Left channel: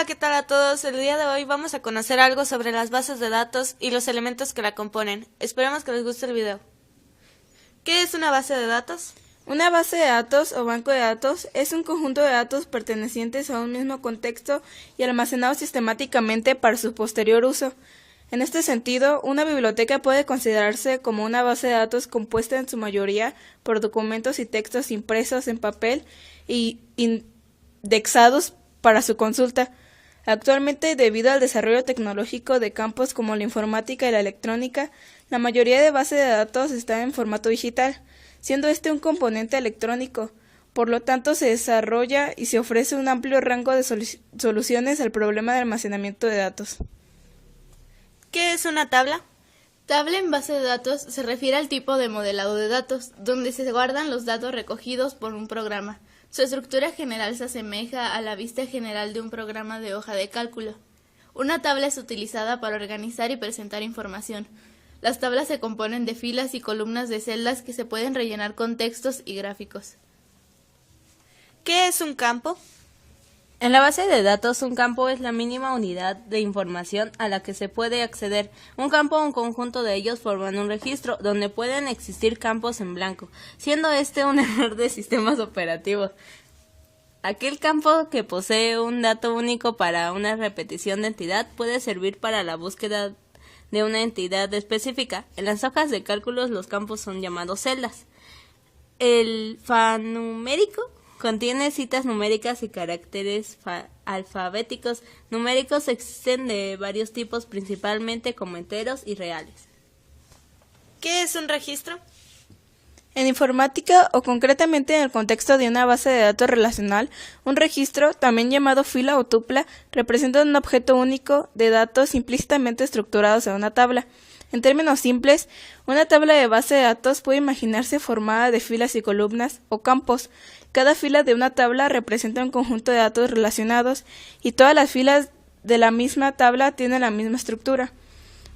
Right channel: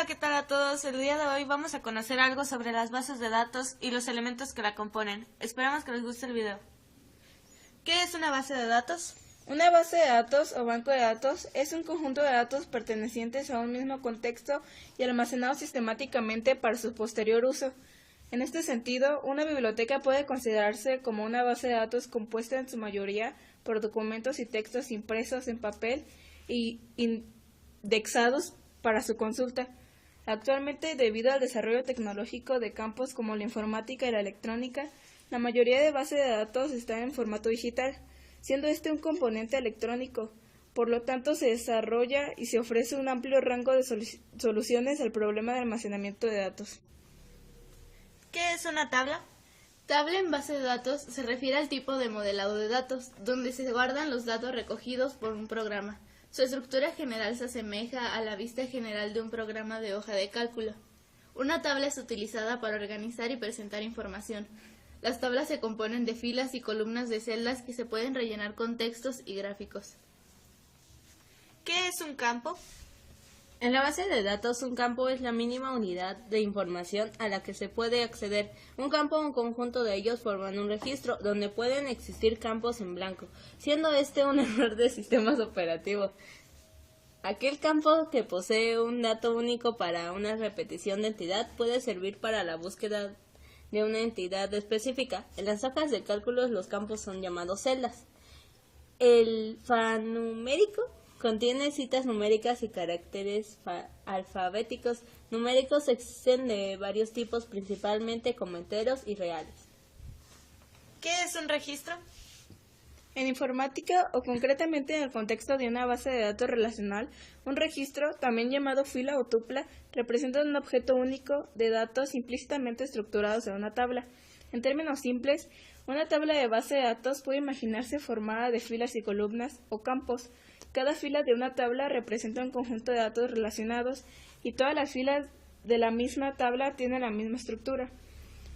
Hola, ¿qué tal a todos? El día de hoy vamos a conocer algo sobre las bases de datos y los elementos que la componen. Esperemos que les guste el video. ¿Qué es una base de datos? Una base de datos o banco de datos es un conjunto de datos pertenecientes a un mismo contexto y almacenados sistemáticamente para su posterior uso. En este sentido, una biblioteca puede considerarse como una base de datos compuesta en su mayoría por documentos y textos impresos en papel y indexados para su consulta. Actualmente, debido al desarrollo tecnológico de campos como la informática y la electrónica, la mayoría de bases de datos están en formato digital, siendo este un componente electrónico. Por lo tanto, se desarrolla y se ofrece un amplio rango de soluciones al problema de almacenamiento de datos. ¿Qué es una tabla? Tabla en base de datos se refiere al tipo de modelado de datos, donde se guardan los datos recogidos por un programa. Su estructura general se asemeja a la vista general de un programa de hoja de cálculo. Una tabla es utilizada para organizar y presentar información. Las tablas se componen de filas y columnas de celdas que se pueden rellenar con textos y gráficos. ¿Qué es un campo? En la base de datos, un campo es la mínima unidad de información a la que se puede acceder. Un campo o un conjunto de ellos forman un registro donde pueden existir campos en blanco, siendo este un error de sistemas operativos. Aquel campo que posee un dato único para una repetición de entidad puede servir para la búsqueda de una entidad específica. En las hojas de cálculos los campos son llamados celdas. El alfanumérico contiene citas numéricas y caracteres alfabéticos. Numéricos existen de varios tipos, principalmente como enteros y reales. ¿Qué es un registro? En informática, o concretamente en el contexto de una base de datos relacional, un registro, también llamado fila o tupla, representa un objeto único de datos implícitamente estructurados en una tabla. En términos simples, una tabla de base de datos puede imaginarse formada de filas y columnas o campos. Cada fila de una tabla representa un conjunto de datos relacionados y todas las filas de la misma tabla tienen la misma estructura.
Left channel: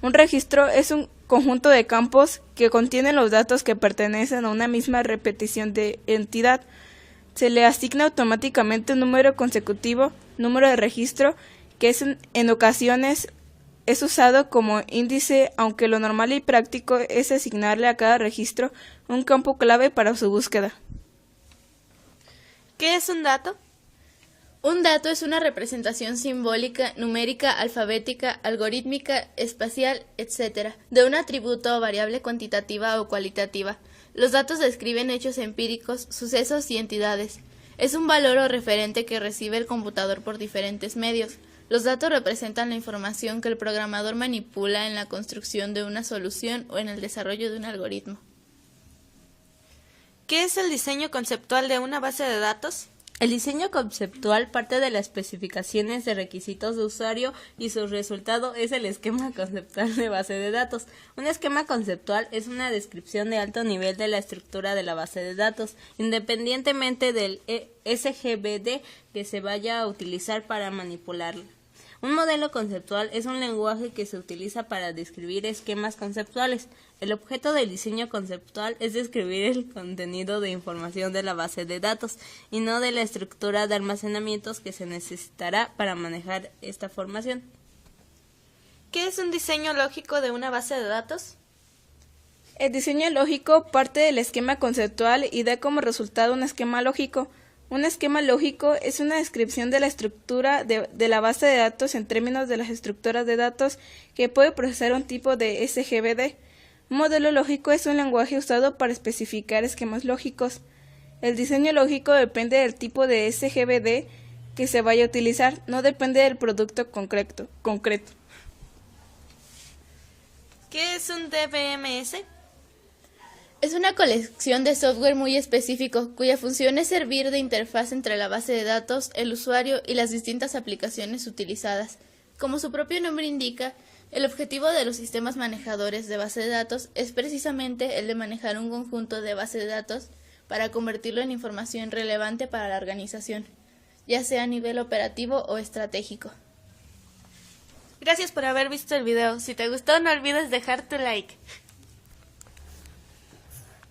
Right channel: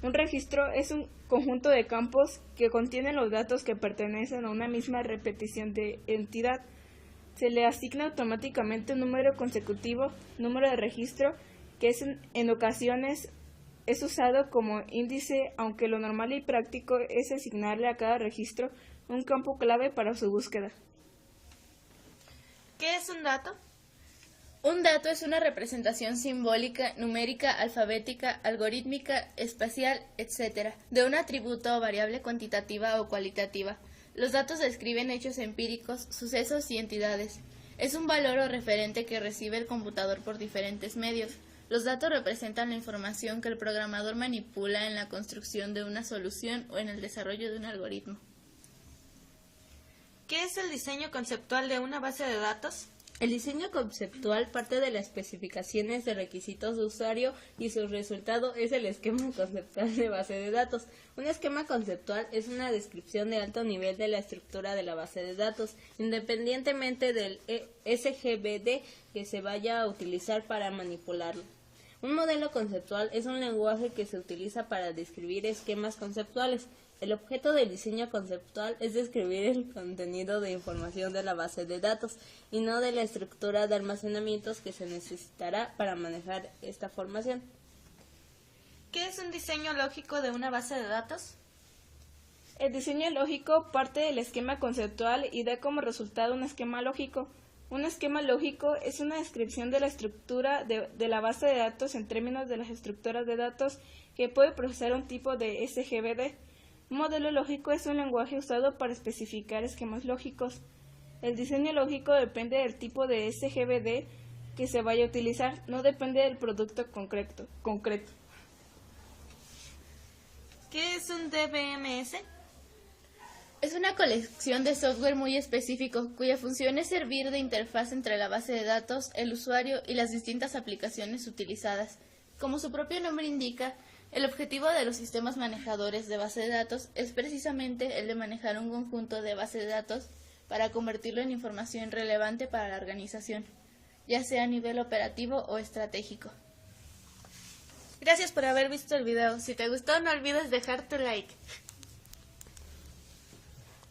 Un registro es un conjunto de campos que contienen los datos que pertenecen a una misma repetición de entidad. Se le asigna automáticamente un número consecutivo, número de registro, que en ocasiones es usado como índice, aunque lo normal y práctico es asignarle a cada registro un campo clave para su búsqueda. ¿Qué es un dato? Un dato es una representación simbólica, numérica, alfabética, algorítmica, espacial, etc., de un atributo o variable cuantitativa o cualitativa. Los datos describen hechos empíricos, sucesos y entidades. Es un valor o referente que recibe el computador por diferentes medios. Los datos representan la información que el programador manipula en la construcción de una solución o en el desarrollo de un algoritmo. ¿Qué es el diseño conceptual de una base de datos? El diseño conceptual parte de las especificaciones de requisitos de usuario y su resultado es el esquema conceptual de base de datos. Un esquema conceptual es una descripción de alto nivel de la estructura de la base de datos, independientemente del SGBD que se vaya a utilizar para manipularla. Un modelo conceptual es un lenguaje que se utiliza para describir esquemas conceptuales. El objeto del diseño conceptual es describir el contenido de información de la base de datos y no de la estructura de almacenamientos que se necesitará para manejar esta formación. ¿Qué es un diseño lógico de una base de datos? El diseño lógico parte del esquema conceptual y da como resultado un esquema lógico. Un esquema lógico es una descripción de la estructura de la base de datos en términos de las estructuras de datos que puede procesar un tipo de SGBD. Un modelo lógico es un lenguaje usado para especificar esquemas lógicos. El diseño lógico depende del tipo de SGBD que se vaya a utilizar, no depende del producto concreto. ¿Qué es un DBMS? Es una colección de software muy específico, cuya función es servir de interfaz entre la base de datos, el usuario y las distintas aplicaciones utilizadas. Como su propio nombre indica, el objetivo de los sistemas manejadores de base de datos es precisamente el de manejar un conjunto de base de datos para convertirlo en información relevante para la organización, ya sea a nivel operativo o estratégico. Gracias por haber visto el video. Si te gustó, no olvides dejar tu like.